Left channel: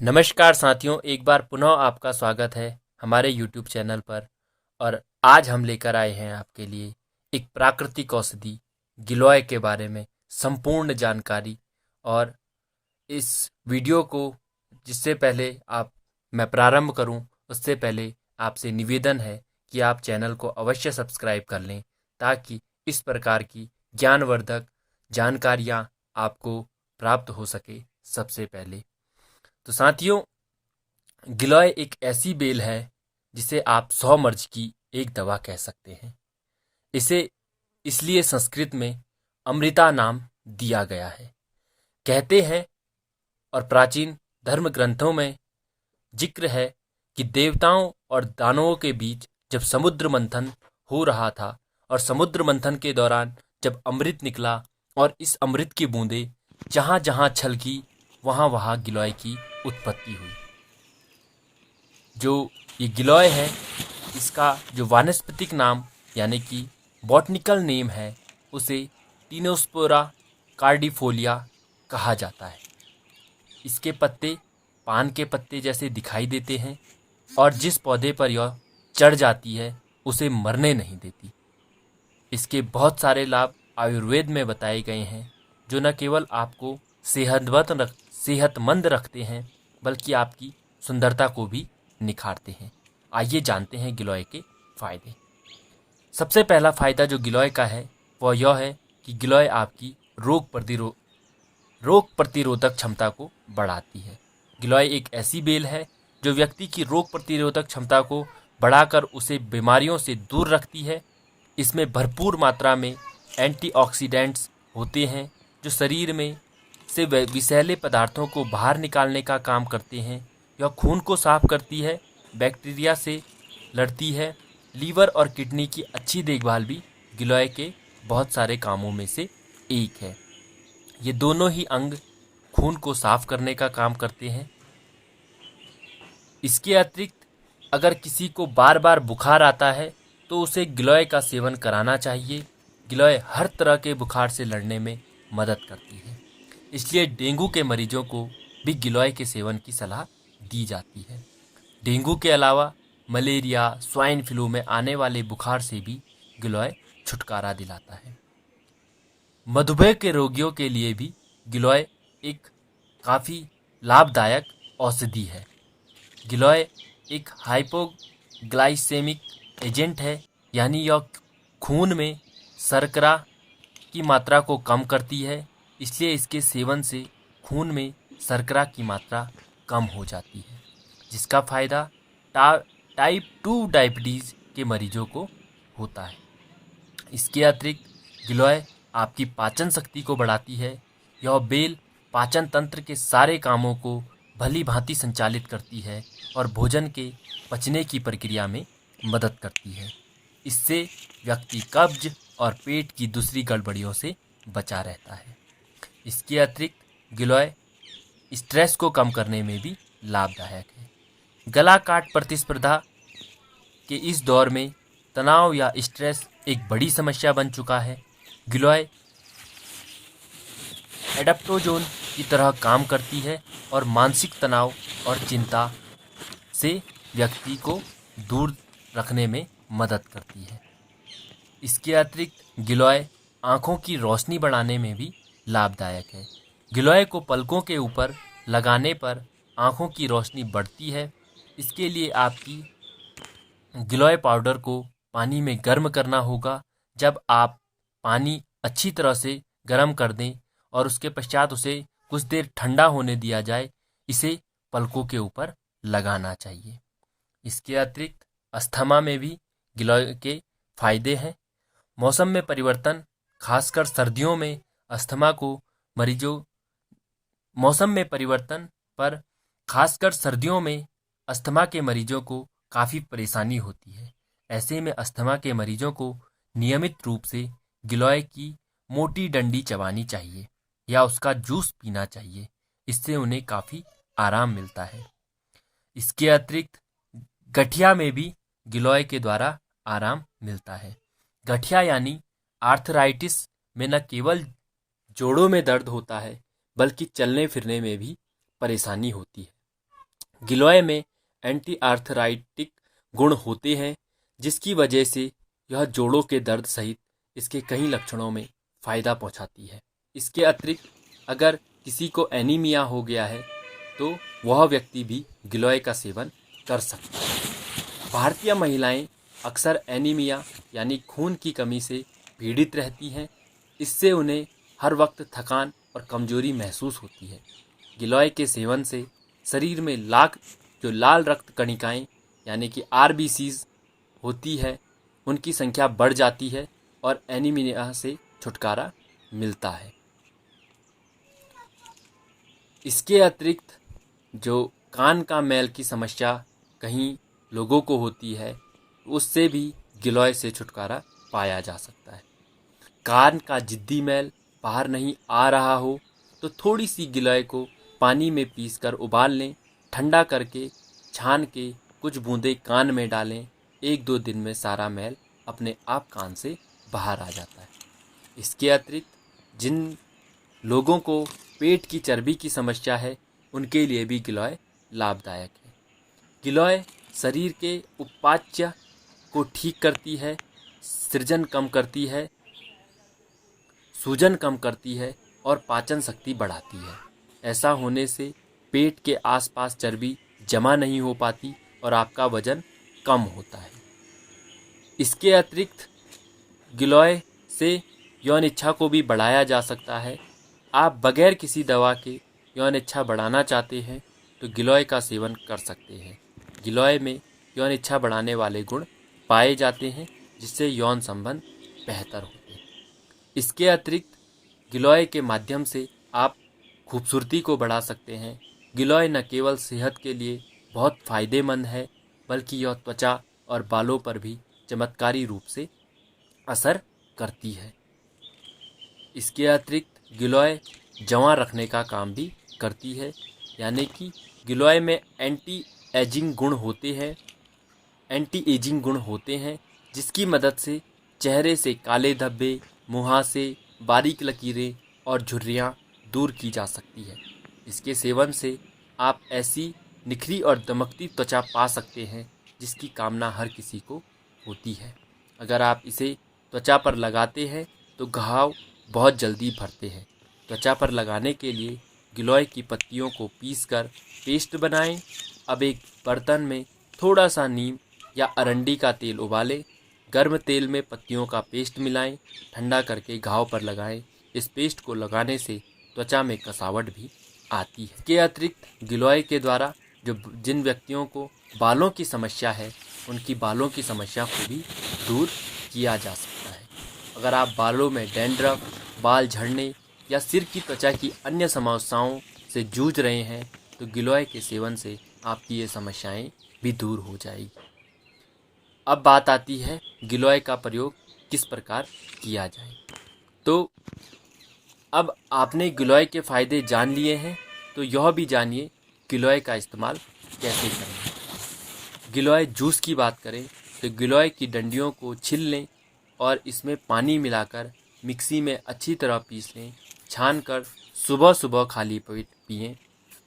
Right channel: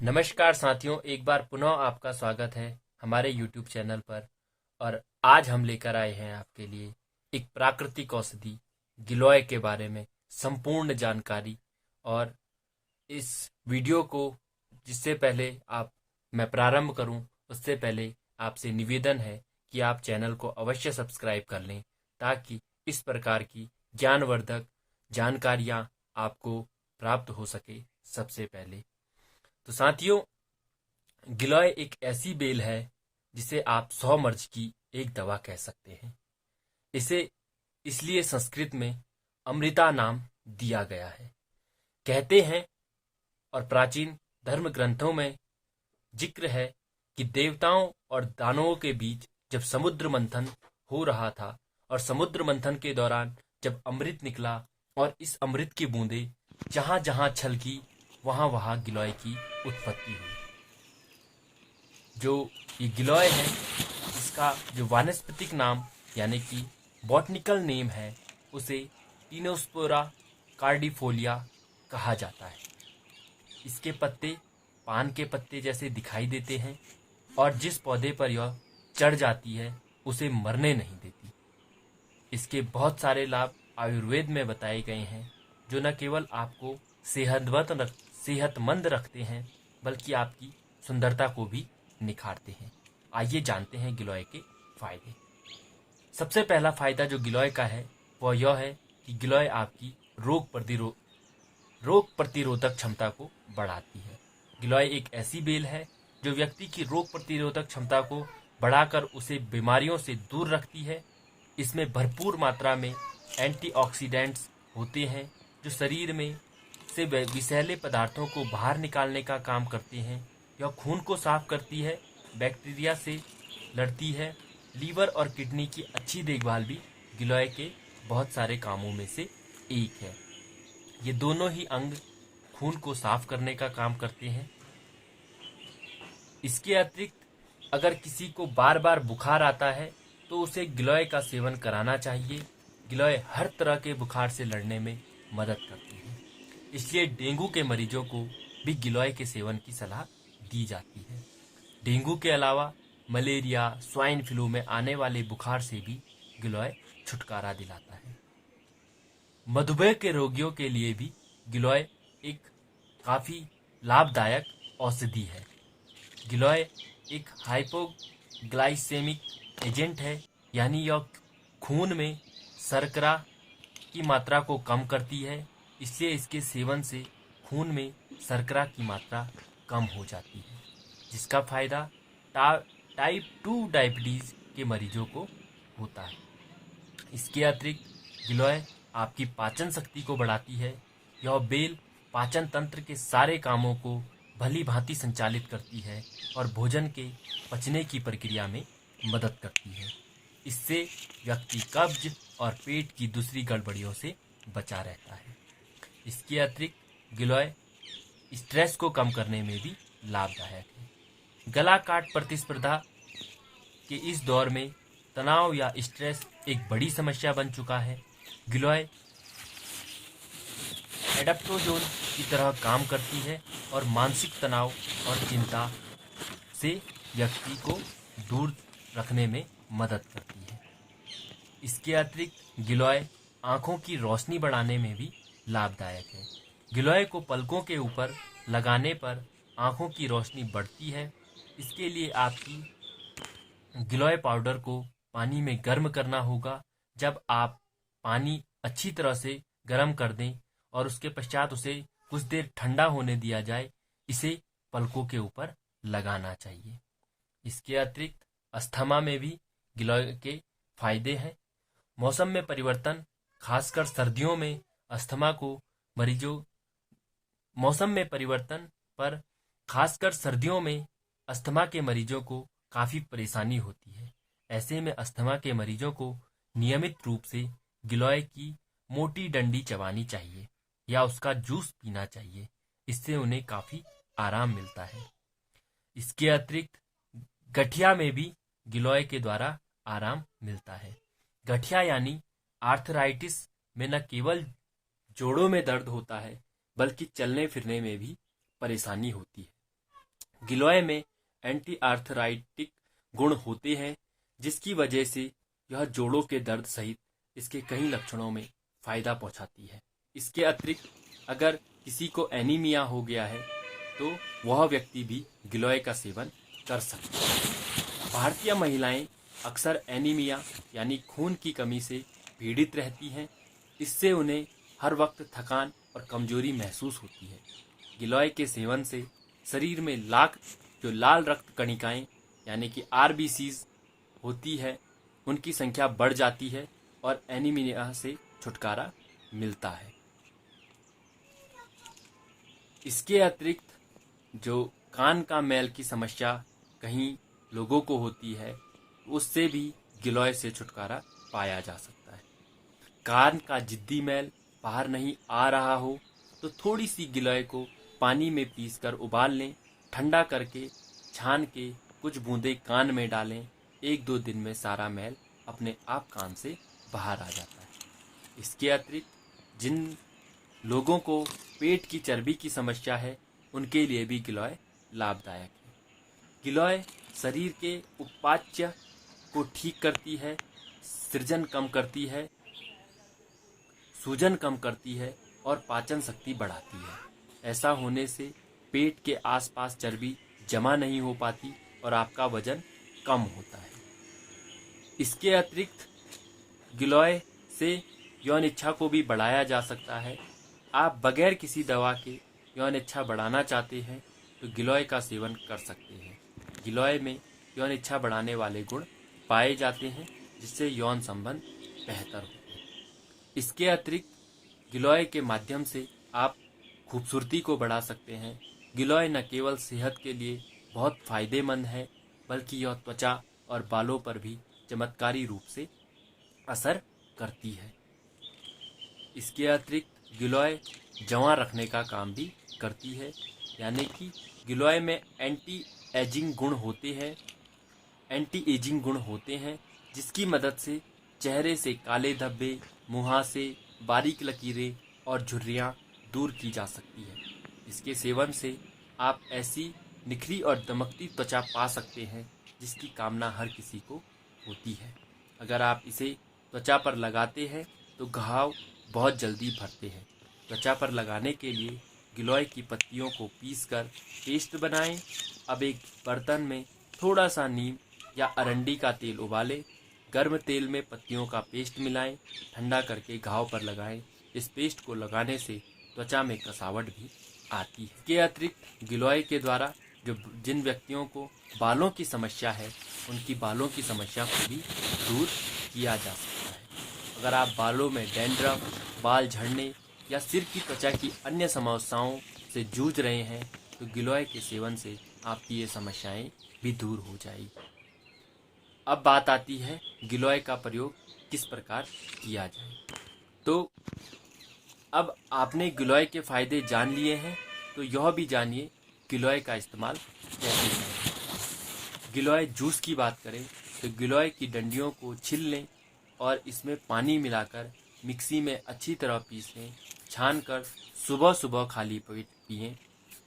नमस्कार साथियों, एक बार पुनः आपका स्वागत है हमारे YouTube चैनल पर। और आज हम लेकर आए हैं आपके लिए एक प्राकृतिक औषधि गिलोय के बारे में संपूर्ण जानकारी। और इस वीडियो को जिससे पहले मैं प्रारंभ करूं, उससे पहले आपसे निवेदन है कि आप चैनल को अवश्य सब्सक्राइब कर लें, ताकि इस प्रकार की ज्ञानवर्धक जानकारियां आपको प्राप्त हो सके सबसे पहले। तो साथियों, गिलोय एक ऐसी बेल है जिसे आप 100 मर्ज की एक दवा कह सकते हैं। इसे इसलिए संस्कृत में अमृता नाम दिया गया है। कहते हैं और प्राचीन धर्म ग्रंथों में जिक्र है कि देवताओं और दानवों के बीच जब समुद्र मंथन हो रहा था, और समुद्र मंथन के दौरान जब अमृत निकला और इस अमृत की बूंदें जहाँ जहाँ छलकी, वहाँ वहाँ गिलोय की उत्पत्ति हुई। जो ये गिलोय है, इसका जो वानस्पतिक नाम यानी कि बॉटनिकल नेम है, उसे टीनोस्पोरा कार्डिफोलिया कहा जाता है। इसके पत्ते पान के पत्ते जैसे दिखाई देते हैं, और जिस पौधे पर यह चढ़ जाती है उसे मरने नहीं देती। इसके बहुत सारे लाभ आयुर्वेद में बताए गए हैं, जो न केवल आपको सेहतमंद रखते हैं, बल्कि आपकी सुंदरता को भी निखारते हैं। आइए जानते हैं गिलोय के फायदे। सबसे पहला फायदा जो गिलोय का है वह यह है कि गिलोय आपकी रोग प्रतिरोधक क्षमता को बढ़ाती है। गिलोय एक ऐसी बेल है जो व्यक्ति की रोग प्रतिरोधक क्षमता को बढ़ाकर उसे बीमारियों से दूर रखती है। इसमें भरपूर मात्रा में एंटीऑक्सीडेंट्स होते हैं, जो शरीर में से विषैले पदार्थों को बाहर निकालने का काम करते हैं। यह खून को साफ करती है, बैक्टीरिया से लड़ती है। लीवर और किडनी की अच्छी देखभाल भी गिलोय के बहुत सारे कामों में से एक है। ये दोनों ही अंग खून को साफ करने का काम करते हैं। इसके अतिरिक्त अगर किसी को बार बार बुखार आता है तो उसे गिलोय का सेवन कराना चाहिए। गिलोय हर तरह के बुखार से लड़ने में मदद करती है, इसलिए डेंगू के मरीजों को भी गिलोय के सेवन की सलाह दी जाती है। डेंगू के अलावा मलेरिया, स्वाइन फ्लू में आने वाले बुखार से भी गिलोय छुटकारा दिलाता है। मधुमेह के रोगियों के लिए भी गिलोय एक काफ़ी लाभदायक औषधि है। गिलोय एक हाइपोग्लाइसेमिक एजेंट है, यानी यह खून में शर्करा की मात्रा को कम करती है। इसलिए इसके सेवन से खून में शर्करा की मात्रा कम हो जाती है, जिसका फायदा टाइप 2 डायबिटीज़ के मरीजों को होता है। इसके अतिरिक्त गिलोय आपकी पाचन शक्ति को बढ़ाती है। यह बेल पाचन तंत्र के सारे कामों को भली भांति संचालित करती है और भोजन के पचने की प्रक्रिया में मदद करती है। इससे व्यक्ति कब्ज और पेट की दूसरी गड़बड़ियों से बचा रहता है। इसके अतिरिक्त गिलोय स्ट्रेस को कम करने में भी लाभदायक है। गला काट प्रतिस्पर्धा के इस दौर में तनाव या स्ट्रेस एक बड़ी समस्या बन चुका है। गिलोय एडाप्टोजोन की तरह काम करती है और मानसिक तनाव और चिंता से व्यक्ति को दूर रखने में मदद करती है। इसके अतिरिक्त गिलोय आँखों की रोशनी बढ़ाने में भी लाभदायक है। गिलोय को पलकों के ऊपर लगाने पर आँखों की रोशनी बढ़ती है। इसके लिए आपकी गिलोय पाउडर को पानी में गर्म करना होगा। जब आप पानी अच्छी तरह से गर्म कर दें और उसके पश्चात उसे कुछ देर ठंडा होने दिया जाए, इसे पलकों के ऊपर लगाना चाहिए। इसके अतिरिक्त अस्थमा में भी गिलोय के फायदे हैं। मौसम में परिवर्तन, खासकर सर्दियों में अस्थमा को मरीजों मौसम में परिवर्तन पर खासकर सर्दियों में अस्थमा के मरीजों को काफ़ी परेशानी होती है। ऐसे में अस्थमा के मरीजों को नियमित रूप से गिलोय की मोटी डंडी चबानी चाहिए या उसका जूस पीना चाहिए। इससे उन्हें काफ़ी आराम मिलता है। इसके अतिरिक्त गठिया में भी गिलोय के द्वारा आराम मिलता है। गठिया यानी आर्थराइटिस में न केवल जोड़ों में दर्द होता है, बल्कि चलने फिरने में भी परेशानी होती है। गिलोय में एंटी आर्थराइटिक गुण होते हैं, जिसकी वजह से यह जोड़ों के दर्द सहित इसके कई लक्षणों में फ़ायदा पहुंचाती है। इसके अतिरिक्त अगर किसी को एनीमिया हो गया है तो वह व्यक्ति भी गिलोय का सेवन कर सकता है। भारतीय महिलाएं अक्सर एनीमिया यानी खून की कमी से पीड़ित रहती हैं। इससे उन्हें हर वक्त थकान और कमजोरी महसूस होती है। गिलोय के सेवन से शरीर में लाल रक्त कणिकाएं यानी कि आरबीसीज होती है, उनकी संख्या बढ़ जाती है और एनीमिया से छुटकारा मिलता है। इसके अतिरिक्त जो कान का मैल की समस्या कहीं लोगों को होती है, उससे भी गिलोय से छुटकारा पाया जा सकता है। कान का जिद्दी मैल बाहर नहीं आ रहा हो तो थोड़ी सी गिलोय को पानी में पीसकर उबाल लें, ठंडा करके छान के कुछ बूंदें कान में डालें। 1-2 दिन में सारा मैल अपने आप कान से बाहर आ जाता है। इसके अतिरिक्त जिन लोगों को पेट की चर्बी की समस्या है, उनके लिए भी गिलोय लाभदायक है। गिलोय शरीर के उपाच्य को ठीक करती है, सृजन कम करती है, सूजन कम करती है और पाचन शक्ति बढ़ाती है। ऐसा होने से पेट के आसपास चर्बी जमा नहीं हो पाती और आपका वजन कम होता है। इसके अतिरिक्त गिलोय से यौन इच्छा को भी बढ़ाया जा सकता है। आप बगैर किसी दवा के यौन इच्छा बढ़ाना चाहते हैं तो गिलोय का सेवन कर सकते हैं। गिलोय में यौन इच्छा बढ़ाने वाले गुण पाए जाते हैं, जिससे यौन संबंध बेहतर होते हैं। इसके अतिरिक्त गिलोय के माध्यम से आप खूबसूरती को बढ़ा सकते हैं। गिलोय न केवल सेहत के लिए बहुत फ़ायदेमंद है, बल्कि यह त्वचा और बालों पर भी चमत्कारी रूप से असर करती है। इसके अतिरिक्त गिलोय जवां रखने का काम भी करती है, यानी कि गिलोय में एंटी एजिंग गुण होते हैं, जिसकी मदद से चेहरे से काले धब्बे, मुहासे, बारीक लकीरें और झुर्रियाँ दूर की जा सकती है। इसके सेवन से आप ऐसी निखरी और दमकती त्वचा पा सकते हैं जिसकी कामना हर किसी को होती है। अगर आप इसे त्वचा पर लगाते हैं तो घाव बहुत जल्दी भरते हैं। त्वचा पर लगाने के लिए गिलोय की पत्तियों को पीसकर पेस्ट बनाएं। अब एक बर्तन में थोड़ा सा नीम या अरंडी का तेल उबालें। गर्म तेल में पत्तियों का पेस्ट मिलाएं, ठंडा करके घाव पर लगाएं। इस पेस्ट को लगाने से त्वचा में कसावट भी आती है। इसके अतिरिक्त गिलोय के द्वारा जिन व्यक्तियों को बालों की समस्या है, उनकी बालों की समस्या को भी दूर किया जा सकता है। अगर आप बालों में डैंड्रफ, बाल झड़ने या सिर की त्वचा की अन्य समस्याओं से जूझ रहे हैं तो गिलोय के सेवन से आपकी ये समस्याएं भी दूर हो जाएगी। अब बात आती है गिलोय का प्रयोग किस प्रकार किया जाए। तो अब आपने गिलोय के फ़ायदे जान लिए हैं, तो यह भी जानिए गिलोय का इस्तेमाल कैसे करें। गिलोय जूस की बात करें तो गिलोय की डंडियों को छील लें और इसमें पानी मिलाकर मिक्सी में अच्छी तरह पीस लें। छान कर सुबह सुबह खाली पेट पिएं।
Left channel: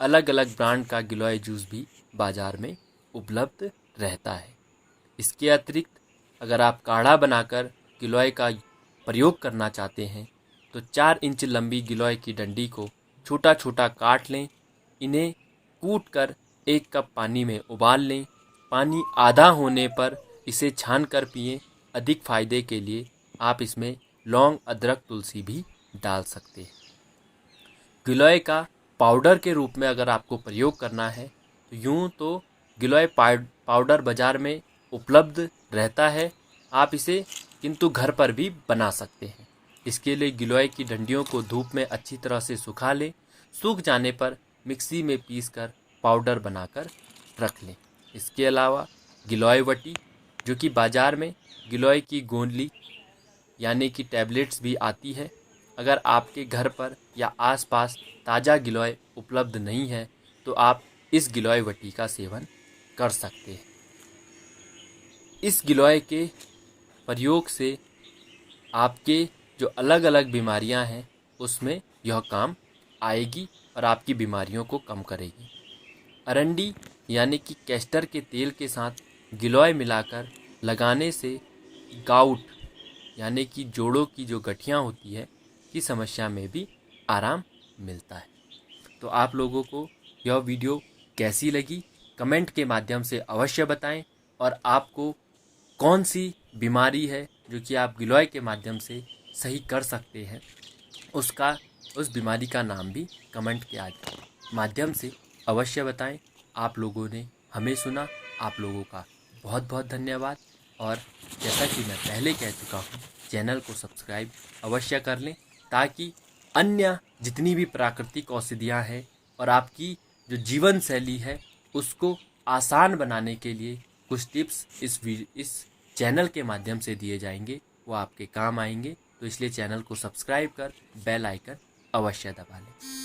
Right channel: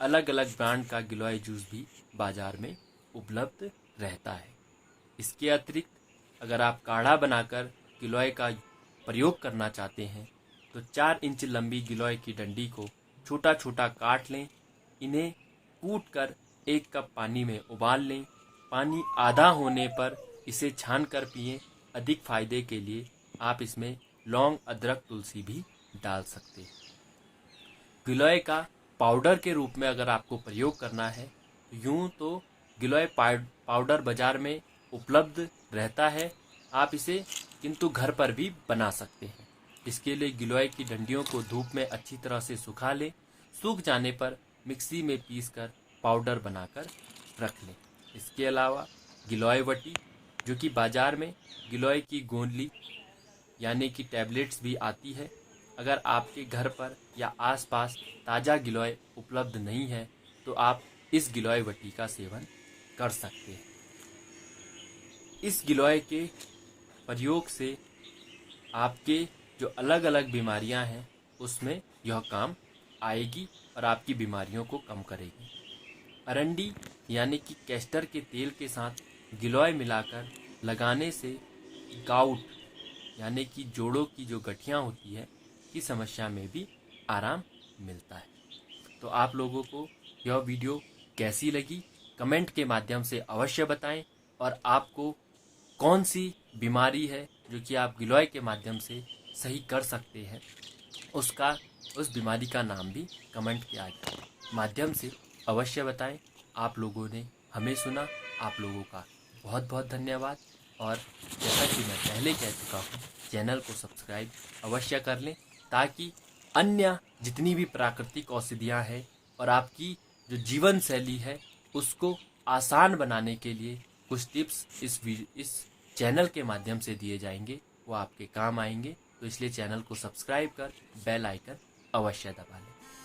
अलग अलग ब्रांड का गिलोय जूस भी बाज़ार में उपलब्ध रहता है। इसके अतिरिक्त अगर आप काढ़ा बनाकर गिलोय का प्रयोग करना चाहते हैं तो 4 इंच लंबी गिलोय की डंडी को छोटा छोटा काट लें। इन्हें कूट कर 1 कप पानी में उबाल लें। पानी आधा होने पर इसे छान कर पिएं। अधिक फ़ायदे के लिए आप इसमें लौंग, अदरक, तुलसी भी डाल सकते हैं। गिलोय का पाउडर के रूप में अगर आपको प्रयोग करना है तो यूँ तो गिलोय पाउडर बाज़ार में उपलब्ध रहता है, आप इसे किंतु घर पर भी बना सकते हैं। इसके लिए गिलोय की डंडियों को धूप में अच्छी तरह से सुखा लें। सूख जाने पर मिक्सी में पीसकर पाउडर बनाकर रख लें। इसके अलावा गिलोय वटी, जो कि बाज़ार में गिलोय की गोंदली यानी कि टैबलेट्स भी आती है। अगर आपके घर पर या आसपास ताज़ा गिलोय उपलब्ध नहीं है तो आप इस गिलोय वटी का सेवन कर सकते हैं। इस गिलोय के प्रयोग से आपके जो अलग अलग बीमारियां हैं उसमें यह काम आएगी और आपकी बीमारियों को कम करेगी। अरंडी यानी कि कैस्टर के तेल के साथ गिलोय मिलाकर लगाने से गाउट यानी कि जोड़ों की जो गठियाँ होती है की समस्या में भी आराम मिलता है। तो आप लोगों को यह वीडियो कैसी लगी कमेंट के माध्यम से अवश्य बताएं, और आपको कौन सी बीमारी है जो कि आप गिलोय के माध्यम से सही कर सकते हैं, उस बीमारी का नाम भी कमेंट के माध्यम से अवश्य बताएं। आप लोगों ने हमें सुना, आप लोगों का बहुत बहुत धन्यवाद। और जैसा कि मैं पहले कह चुका हूँ, चैनल को सब्सक्राइब अवश्य कर लें ताकि अन्य जितनी भी प्राकृतिक औषधियाँ हैं और आपकी जो जीवन शैली है उसको आसान बनाने के लिए कुछ टिप्स इस चैनल के माध्यम से दिए जाएंगे, वो आपके काम आएंगे। तो इसलिए चैनल को सब्सक्राइब कर बेल आइकन अवश्य दबा लें।